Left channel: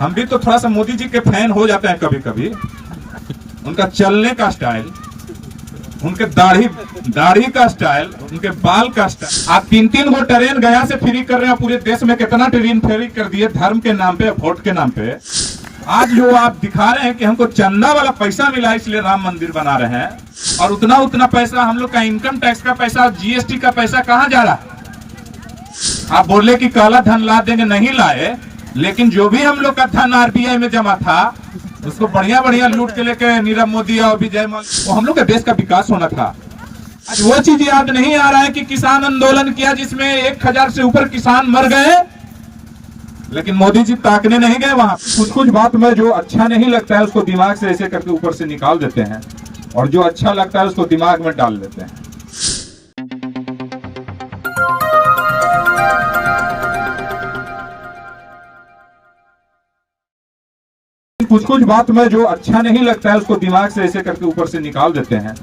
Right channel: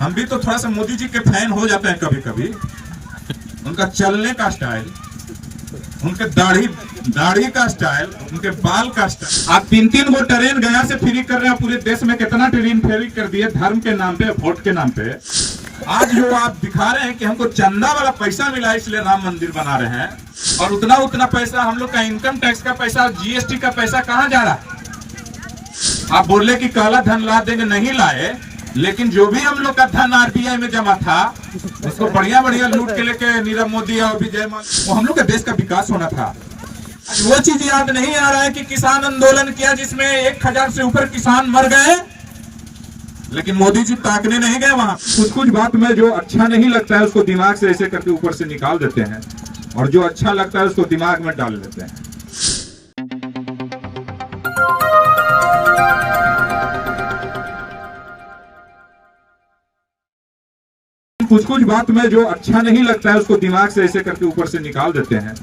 हम भी तो थोड़ा सा मोदी जी के फैन हो जाते हैं कभी कभी। उनका चलने का स्टाइल, उनके दाढ़ी का स्टाइल, उनके बाल का स्टाइल। आप 3-3 गो ट्रेन गया से फ्री कर रहे हैं। पूरे देश में कितना ट्रेन फ्री कर दिए धर्म के नाम पे, वोट के नाम पे। आज जो आप दिखा रहे हैं कि हमको चंदा वाला पैसा मिला इसलिए राम मंदिर बना रहे हैं, और उतना पैसा हम लोग का इनकम टैक्स का पैसा, जीएसटी का पैसा कहाँ जा रहा है? आप बोले कि काला धन ला देंगे, नहीं लाए। लेकिन जो भी हम लोग का धन आरबीआई में जमा था उसको बढ़िया लूट के लेके नीरव मोदी और विजय माल्या, वो हम लोग के देश का विकास होना था। वो चीज याद नहीं आ रहा है कि किसान आंदोलन किया जिसमें 1000 से ऊपर किसान मर गए, लेकिन मोदी जी ताकने नहीं गए वहां। कुछ बात में जो अच्छा नहीं लगता है उसको दिमाग से ऐसे करके ऊपर से निकाल देते हैं, और जो अच्छा लगता है उसको दिमाग में डाल देते हैं। कुछ बात में जो अच्छा नहीं लगता है उसको दिमाग से ऐसे करके ऊपर से निकाल देते हैं,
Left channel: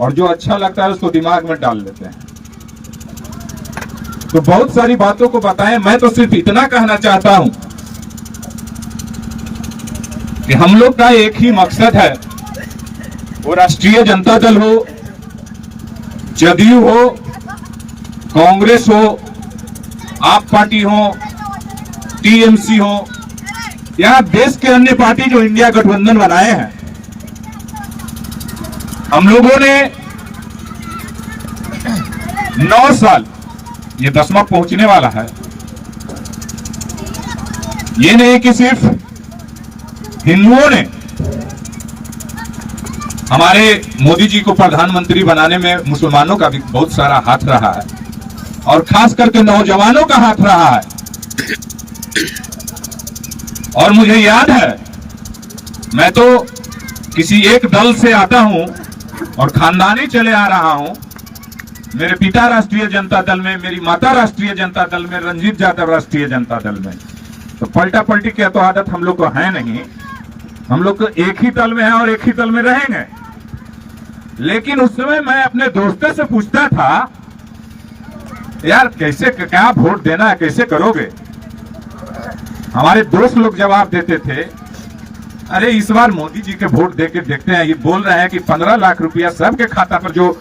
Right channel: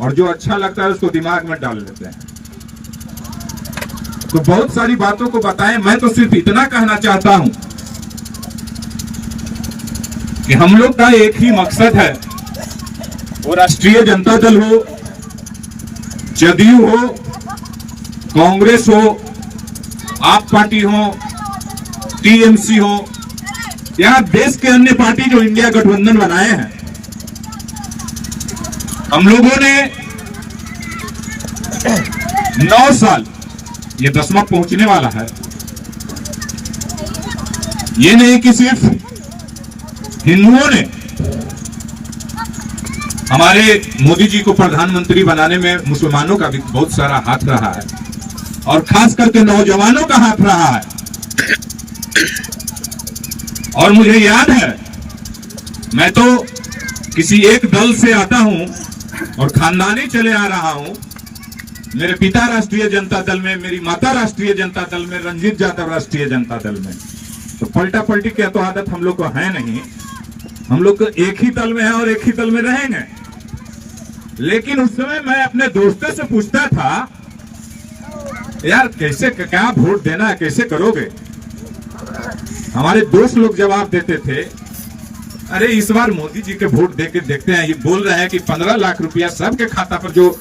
और जो अच्छा लगता है उसको दिमाग में डाल देते हैं। तो बहुत सारी बातों को बताएं। मैं तो सिर्फ इतना कहना चाहता हूं कि हम लोग का एक ही मकसद है, वो राष्ट्रीय जनता दल हो, जदयू हो, कांग्रेस हो, आप पार्टी हो, टीएमसी हो, या देश के अन्य पार्टी जो इंडिया गठबंधन बनाए हैं। हम लोगों ने 9 साल, ये 10वां पहुंचने वाला है। ये नहीं कि सिर्फ हिंदुओं ने हमारे मोदी जी को प्रधानमंत्री बनाने में मुसलमानों का भी बहुत सारा हाथ रहा है, और खास करके नौजवानों का हाथ रहा है। और मुझे याद है, मैं तो किसी एक दल से आता हूं और खानदानी चले आ रहा हूं। मेरे पिता राष्ट्रीय जनता दल में, मेरी माता राष्ट्रीय जनता दल में, रंजीत यादव राष्ट्रीय जनता दल में। तो पलटा पलटी की तो आदत हम लोग को है नहीं। हम लोग तो एक ही दल में है और एक ही दल में रहेंगे। लेकिन उस समय मैं अपने दोस्तों से पूछता था, यार कैसे, क्या वोट देना है, कैसे करोगे? हमारे दोस्त लोग जवाब देते थे, अरे इस बार मोदी जी के वोट देके देखते हैं। ये बोल रहे हैं कि 15 लाख रुपया सबके खाता पर, जो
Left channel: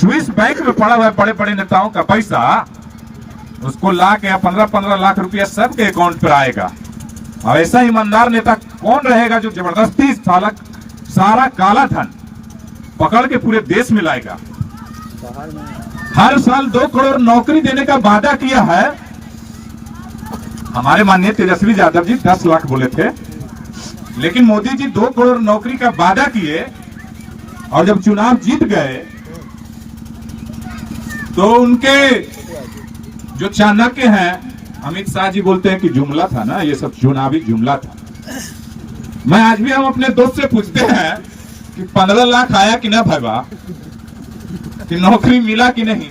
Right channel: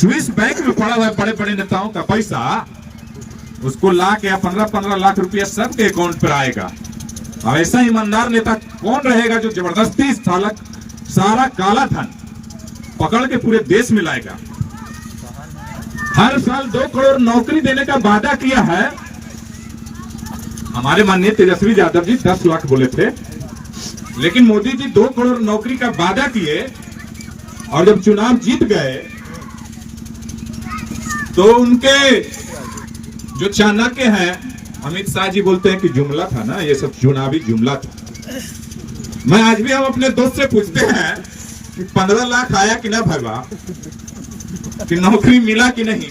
स्विस बैंक में पड़ा हुआ है बड़े बड़े नेताओं का पैसा, उसको ला के 15 लाख रुपया सबके अकाउंट पर आएगा। और ऐसा ईमानदार नेता कौन रहेगा जो जबरदस्ती सारा काला धन पकड़ के पूरे देश में लाएगा? हर साल 2 करोड़ नौकरी देने का वादा किया है। हमारे माननीय तेजस्वी यादव जी 10 लाख बोले थे, लेकिन मोदी जी 2 करोड़ नौकरी का वादा किए, और जब चुनाव जीत गए तो उनके जो चाणक्य हैं अमित शाह जी बोलते हैं कि जुमला था ना, ये सब चुनावी जुमला था। मैं आज भी हम अपने दोस्त से पूछते हैं कि 15 लाख आया कि ना भगवा, कि नौकरी मिला कि नहीं।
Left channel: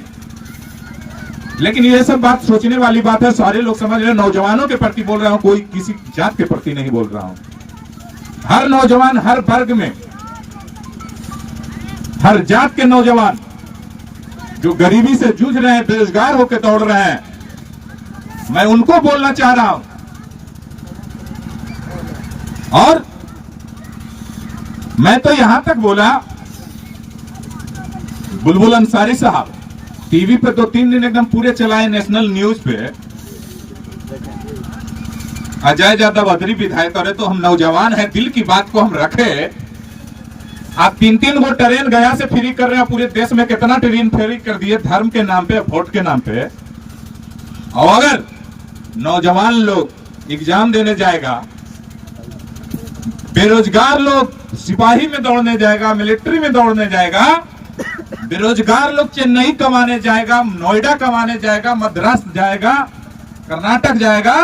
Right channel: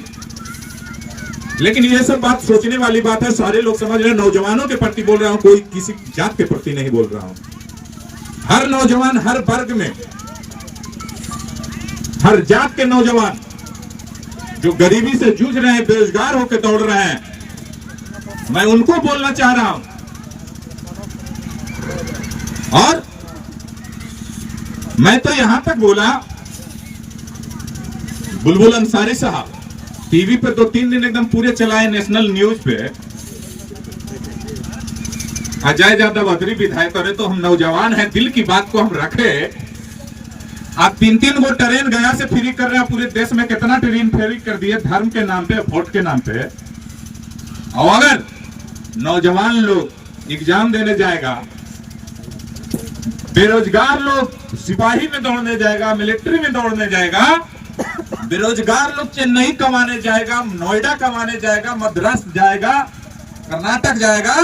लेकिन ये सब बात सोचने वाली बात है। सारे लोग समझ रहे हैं, नौजवानों के प्रति बोल रहा हूं, कोई किसी जात के प्रति नहीं बोल रहा हूं। हर नौजवान, हर वर्ग में, हर जात के नौजवान जो गरीबी से जूझ रहे हैं, बेरोजगार होकर दौड़ रहे हैं, मैं उनको बोलना चाह रहा हूं। और मैं तो यहां तक बोला, बुलबुल अंसारी साहब टीवी पे 2-3 दिन एकदम पूरे चलाए, नेशनल न्यूज पे। अजय यादव अदरी विधायक करे, तो हम नौजवान हैं, दिल की बात को हम रखे। आप 3-3 गो ट्रेन गया से फ्री कर रहे हैं। पूरे देश में कितना ट्रेन फ्री कर दिए धर्म के नाम पे, वोट के नाम पे। और अगर नौजवान लोग एग्जाम देने जाएगा, बेरोजगार लोग सिपाही में दौड़ने जाएगा, मिलिट्री में दौड़ने जाएगा, बेरोजगार लोग चेन्नई कमाने जाएगा, नोएडा कमाने जाएगा, मद्रास जाएगा, कर्नाटक जाएगा,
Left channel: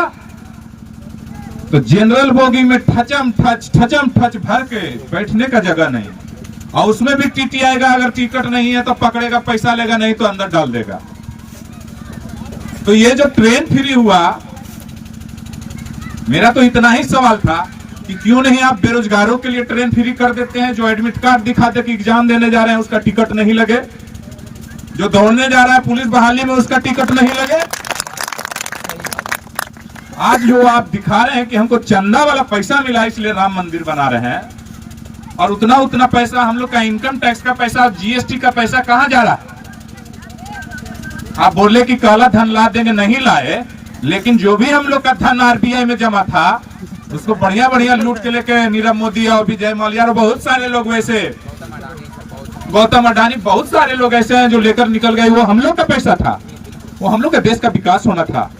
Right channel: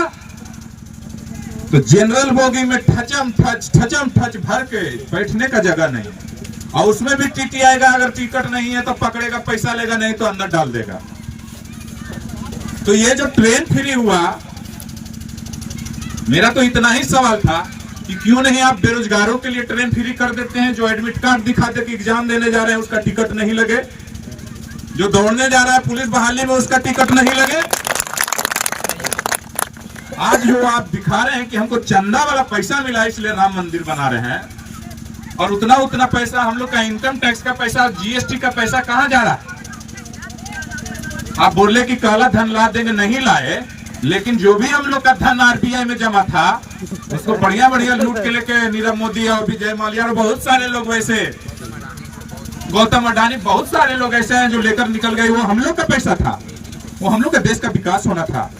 तो जनरल बोगी में ठचम ठच भर के बैठने का जगह नहीं। और उसमें भी टीटी आएगा, अगर टिकट नहीं है तो पकड़ेगा, पैसा लेगा, नहीं तो अंदर डाल देगा। तो ये जो ट्रेन फ्री हुआ, मेरा तो इतना ही सवाल था कि क्यों नहीं आप बेरोजगारों के लिए ट्रेन फ्री कर देते हैं? जो एडमिट कार्ड दिखाते कि एग्जाम देने जा रहे हैं उसका टिकट नहीं लगे, जो दौड़ने जा रहा है पुलिस बहाली में उसका टिकट नहीं लगे। आज जो आप दिखा रहे हैं कि हमको चंदा वाला पैसा मिला इसलिए राम मंदिर बना रहे हैं, और उतना उतना पैसा हम लोग का इनकम टैक्स का पैसा, जीएसटी का पैसा कहां जा रहा है? आप बोले कि काला धन ला देंगे, नहीं लाए, लेकिन जो भी हम लोग का धन आरबीआई में जमा था उसको बढ़िया बढ़िया लूट के लेके नीरव मोदी और विजय माल्या और बहुत सारे लोग वैसे, गौतम अडानी, बहुत सारे लोग ऐसे हैं जो लेकर निकल गए। वो हम लोग का पैसा था, वो हम लोग का देश का विकास होना था।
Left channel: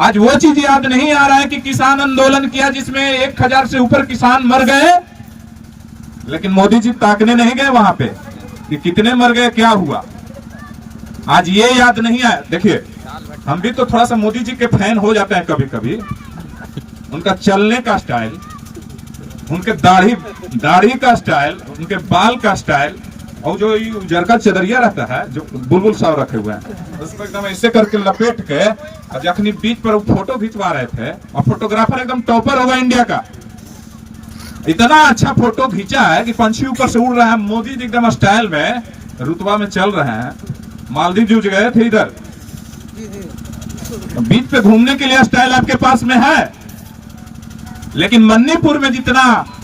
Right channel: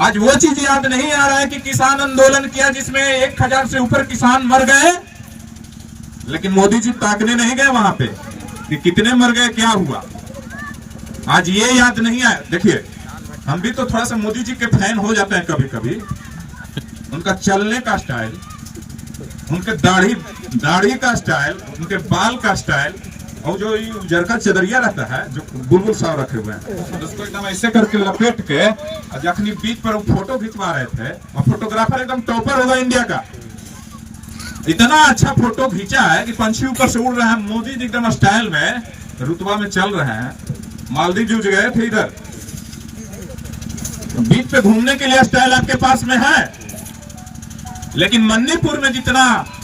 आज वो चीज याद नहीं आ रहा है कि किसान आंदोलन किया जिसमें 1000 से ऊपर किसान मर गए, लेकिन मोदी जी ताकने नहीं गए वहां पे कि कितने मर गए, क्या हुआ। आज ये याद नहीं आया। देखिए, हम भी तो थोड़ा सा मोदी जी के फैन हो जाते हैं कभी कभी। उनका चलने का स्टाइल, उनके दाढ़ी का स्टाइल, उनके बाल का स्टाइल, और जो उजरका चदरिया रहता है जो बुलबुल साहब रखे हुए हैं, उसको एकदम ऐसे करके लपेट के, और जखनी बीच पर फोटो खिंचवा रहे थे, और फोटोग्राफर एकदम टॉपर हो गए इंडिया का। इतना अच्छा फोटो खींचा है कि पंछी ऊपर से उड़ रहा है। मोदी जी एकदम स्टाइल में रुतबा में चल रहे हैं। मालदीव जूझ गए थे, इधर बीच पे घूमने के लिए स्टाइल आपके पास में है, लेकिन मणिपुर में जितना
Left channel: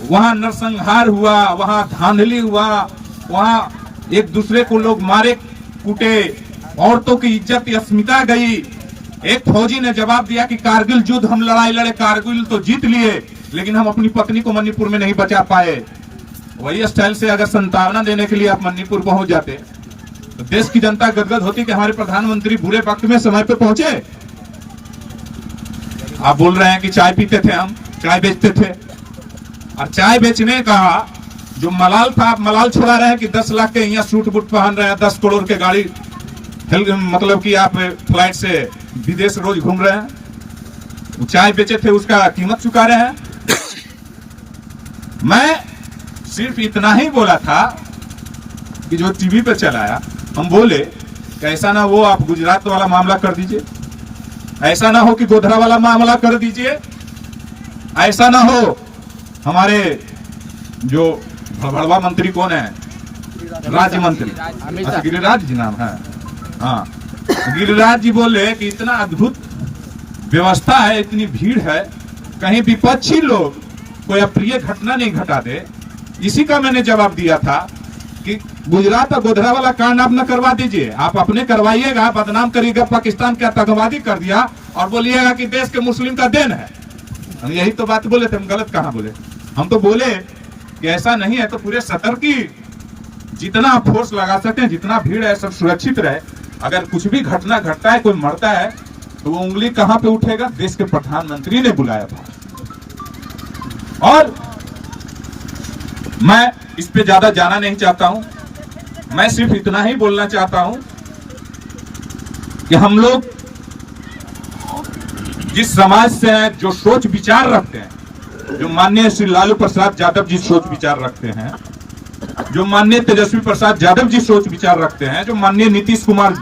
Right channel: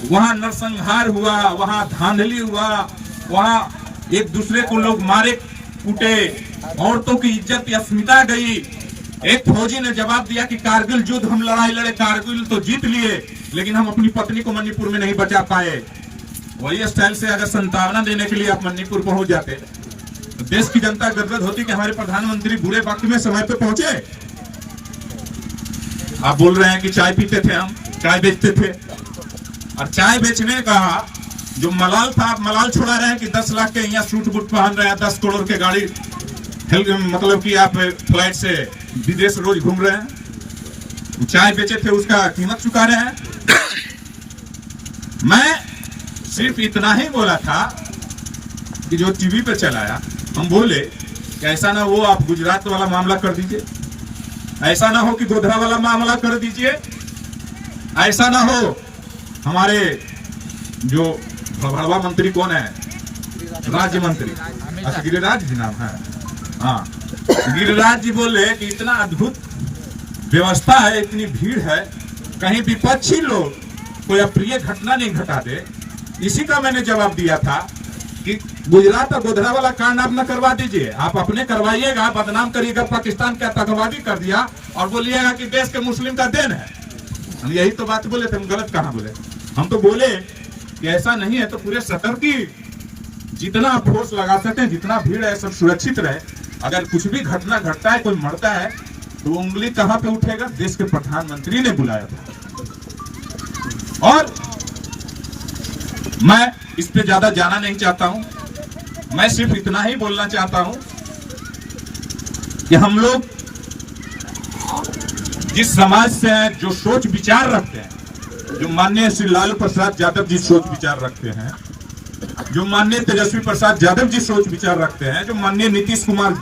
वहां नरसंहार हुआ, वहां धांधली हुआ, वहां एक दूसरे को लोग मारे कूटे, औरतों की इज्जत अस्मिता गई। एक फौजी ने जवाब दिया कि कारगिल युद्ध हम लड़ाई लड़े, कारगिल तो जीत लिए, लेकिन हम अपनी पत्नी को मणिपुर में नहीं बचा पाए। वही स्टाइल से अगर संतावना देने के लिए आप मणिपुर पहुंच जाते तो देश की जनता गदगद होती कि हमारे प्रधानमंत्री बुरे वक्त में समय पे पहुंचे। आप बोल रहे हैं कि चाय पीते थे, हम चाय बेचते थे, और चाय बेचने का जो मलाल था, आप मलाल छुड़ा रहे हैं कि 10 लाख के यहाँ सूट बूट पहन रहे हैं, 10 करोड़ के गाड़ी, मतलब कि आप फ्लाइट से विदेश रोज घूम रहे हैं। चाय बेचे थे, उसका कीमत चुका रहे हैं। मैं सिर्फ इतना ही बोला था कि जो टीवी पे चलाया, हम बोले कि ऐसा ना हो आप गुजरात वाला मामला कर दीजिए, ऐसा ना हो कि गोधरा वाला मामला कर दीजिए, ऐसा ना हो हमारे जो भड़वा मंत्री कौन है, राज्य मंत्री, अच्छा गिरिराज जी नाम है, हाँ, गिरिराज जी बोले कि इतना अद्भुत व्यवस्था है, इतनी भीड़ है, कहीं विपक्षी लोग कोई अप्रिय घटना नहीं घटा दे। इसी का मैंने जवाब दिया था कि गुजरात और गोधरा वाला कांड आप न करवा दीजिए, आप अपने करवाइएगा, बदनाम करिएगा, पाकिस्तान का आतंकवादी कर दिया और बोलिएगा कि देश के मुस्लिम का देन है। हम यही तो बात बोले थे, हम गलत कहां बोले? हम तो बोले कि ऐसा नहीं है तो पूरे सतर्की जितना आप फोर्स लगा सकते हैं, जितना भीड़ है सब सुरक्षित रहे। अगर कुछ भी घटना घटता है, कोई मरता है, तो वो उंगली कहां पे उठेगा? देश के प्रधानमंत्री ने बुलाया था। और मैं इस पे ज्यादा जाना नहीं चाहता हूं, मैं सिर्फ इतना ही बोलना चाहता हूं कि हम लोग जिस समाज से हैं, जो सोच विचार रखते हैं, जो माननीय श्री लालू प्रसाद यादव जी सोच विचार रखते हैं, जो माननीय तेजस्वी प्रसाद यादव जी सोच विचार रखते हैं, जो माननीय नीतीश कुमार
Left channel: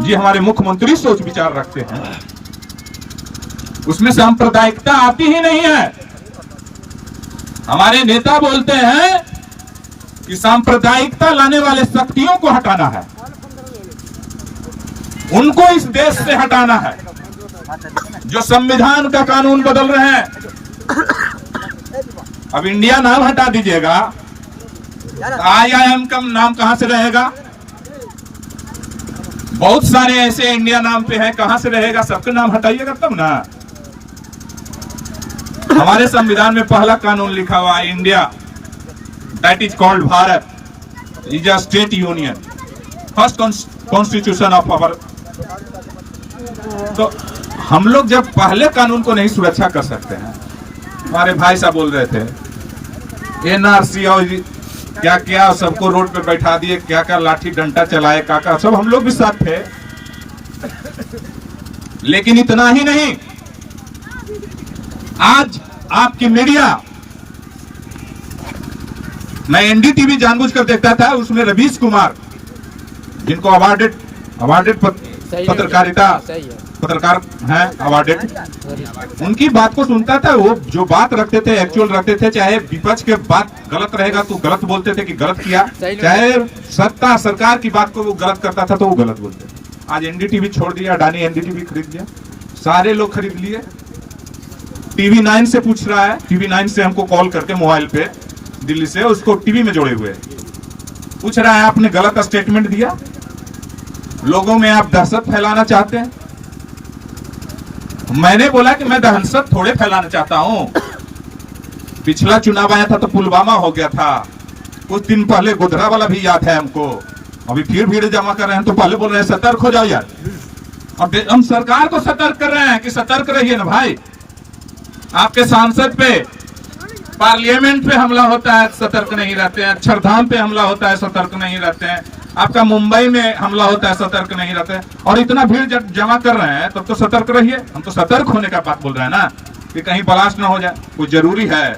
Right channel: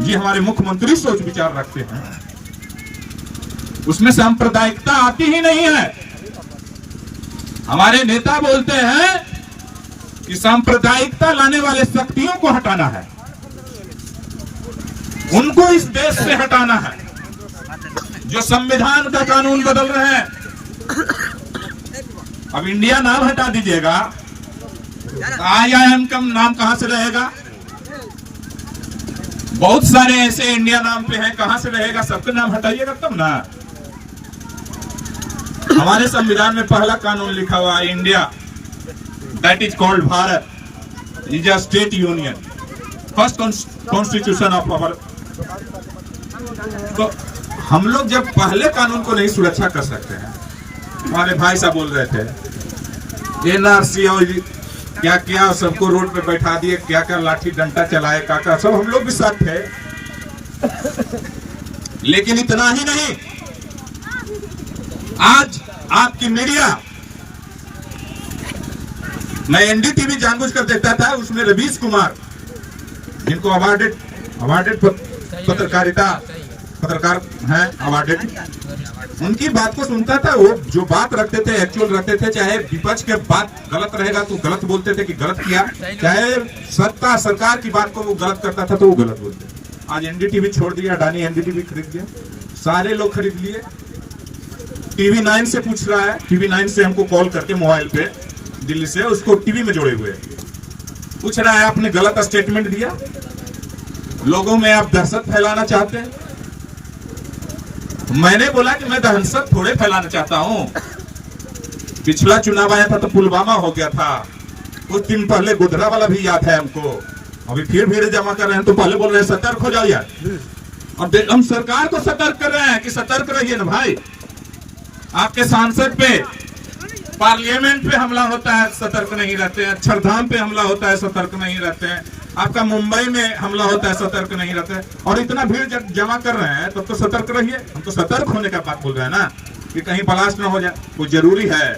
जी हमारे मुख्यमंत्री सोच विचार रखते हैं, उसमें सांप्रदायिकता आती ही नहीं है। हमारे नेता बोलते हैं कि सांप्रदायिकता लाने वाले शक्तियों को हटाना है, उनको इस देश से हटाना है। जो संविधान का कानून बदल रहे हैं, अब इंडिया नाम हटा दीजिएगा, IIM का नाम कहां से रहेगा? बहुत सारे ऐसे इंडिया नाम पे है, कहां से रहेगा? सबका नाम हटाइएगा तब ना। हमारे संविधान में पहला कानून लिखा हुआ है, India that is called Bharat is a state union, first constitution of our. तो हम लोग जब पहले कानून को नहीं सुरक्षा कर सकते हैं, हमारे भाई साहब बोल रहे थे NRC और क्या क्या सबको रोड पे बैठा दिए, क्या क्या लाठी डंडा चलाए, काका सब हम लोग भी साथ थे। लेकिन इतना ही नहीं, आज आपकी मीडिया, मैं NDTV जानबूझकर देखता था, उसमें रवीश कुमार जिनको अवार्डेड पत्रकार हैं, अवार्डेड, उनकी बात को सुनता था। वो जो बात रखते थे, एक्चुअल रखते थे, चाहे विपक्ष के बात गलत रहेगा तो गलत बोलते थे कि गलत किया, चाहे सत्ता सरकार की बात को वो गलत करता था तो वो गलत बोलते थे। आज एनडीटीवी छोड़ दिया, अडानी एनडीटीवी खरीद लिया, सारे लोग खरीद लिए। टीवी 9 से पूछ रहा है, टीवी 9 से हमको कॉल करके मोबाइल पे दिल्ली से, उसको टीवी में जोड़े हुए पूछ रहा है आपने गलत स्टेटमेंट दिया, लोगों में आप दहशत फैलाना चाहते हैं। मैंने बोला कि मैं दहशत थोड़े फैलाना चाहता हूं। पिछला चुनाव आया था तो पुलवामा हो गया था, कुछ दिन पहले गोधरा वाला भी याद है हमको। अभी फिर भीड़ जमा कर रहे हैं तो पहले बोल रहे हैं सतर्क हो जाओ यार। अब हम सरकार को सतर्क कर रहे हैं कि सतर्क रहिए ना भाई। आपके सांसद पे, पार्लियामेंट पे हमला होता है, सतर्क नहीं रहते हैं। अक्षरधाम पे हमला होता है, सतर्क नहीं रहते हैं। आपका मुंबई में हमला होता है, सतर्क नहीं रहते हैं। और इतना भीड़ जब जमा कर रहे हैं तब तो सतर्क रहिए। हम तो सतर्क होने का बात बोल रहे हैं ना, कि कहीं ब्लास्ट ना हो जाए। कोई जरूरी है,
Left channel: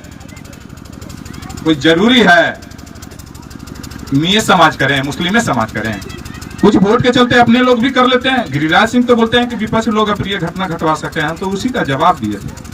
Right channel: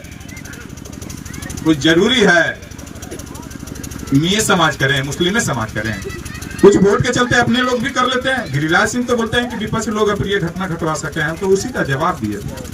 कोई जरूरी है मियां समाज करें, मुस्लिम समाज करें। कुछ वोट के चलते अपने लोग भी कर लेते हैं। गिरिराज सिंह तो बोलते हैं कि विपक्ष लोग अप्रिय घटना घटवा सकते हैं, हम तो उसी का जवाब दिए थे।